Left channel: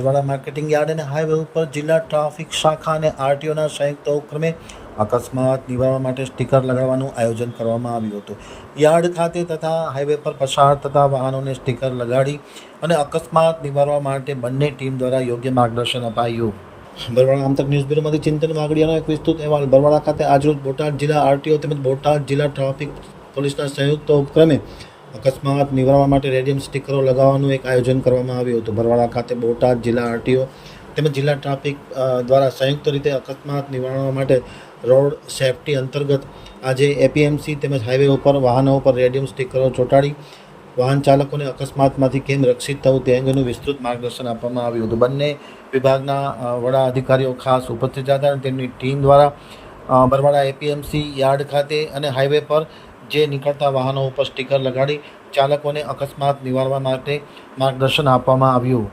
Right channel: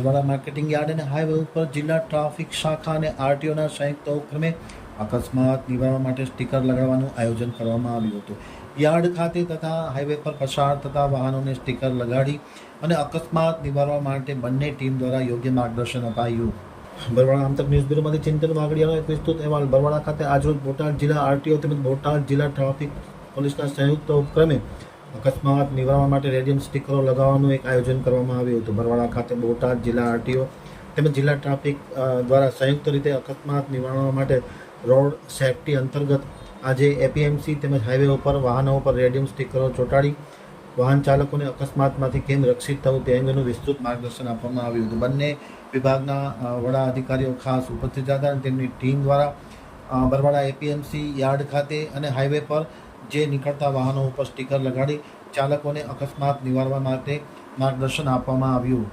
Barwada marketing yard અને highway ઉપર જિલ્લા ટ્રાફિક શાખા અને આરટીઓના સંયુક્ત ઉપક્રમે અકસ્માત નિવારવા માટે સ્ટીકર લગાવવાનું આયોજન કરવામાં આવ્યું હતું। યાર્ડ ખાતે તથા હાઈવે પર પસાર થતા વાહનોને સ્ટીકર લગાડી અને અકસ્માત નિવારવા માટે બંને ટીમ દ્વારા યોગ્ય માર્ગદર્શન અપાયું। બરવાડા આમતક ન્યૂઝ બ્યુરોમાંથી ચિંતન વાગડિયાનો એક વિસ્તૃત અહેવાલ। બરવાડા ખાતે આજરોજ બોટાદ જિલ્લા આરટીઓ તેમજ બોટાદ જિલ્લા ટ્રાફિક પોલીસના સંયુક્ત ઉપક્રમે અકસ્માત નિવારવા માટે રેડિયમ સ્ટીકરો લગાવવાનું એક આયોજન કરવામાં આવ્યું હતું। બરવાડા ખાતે બોટાદ જિલ્લા આરટીઓ તેમજ જિલ્લા ટ્રાફિક દ્વારા સંયુક્ત રીતે અકસ્માત નિવારવા માટે રોડ સેફટી અંતર્ગત આજે એપીએમસી તેમજ હાઈવે ઉપર વાહનો ઉપર રેડિયમ સ્ટીકરો ચોંટાડી વાહન ચાલકોને અકસ્માતમાંથી કેમ રક્ષિત થવું તે અંગેનું વિસ્તૃત માર્ગદર્શન આપવામાં આવ્યું હતું। બંને વિભાગના વડા અધિકારીઓ ખાસ ઉપસ્થિત હતા અને તેમની ટીમ દ્વારા બરવાડા એપીએમસી યાર્ડ ખાતે અને હાઈવે પર જે નીકળતા વાહનો ઉપર સ્ટીકર લગાડી ચાલકોને અકસ્માત નિવારવા માટે માર્ગદર્શન આપવામાં આવ્યું।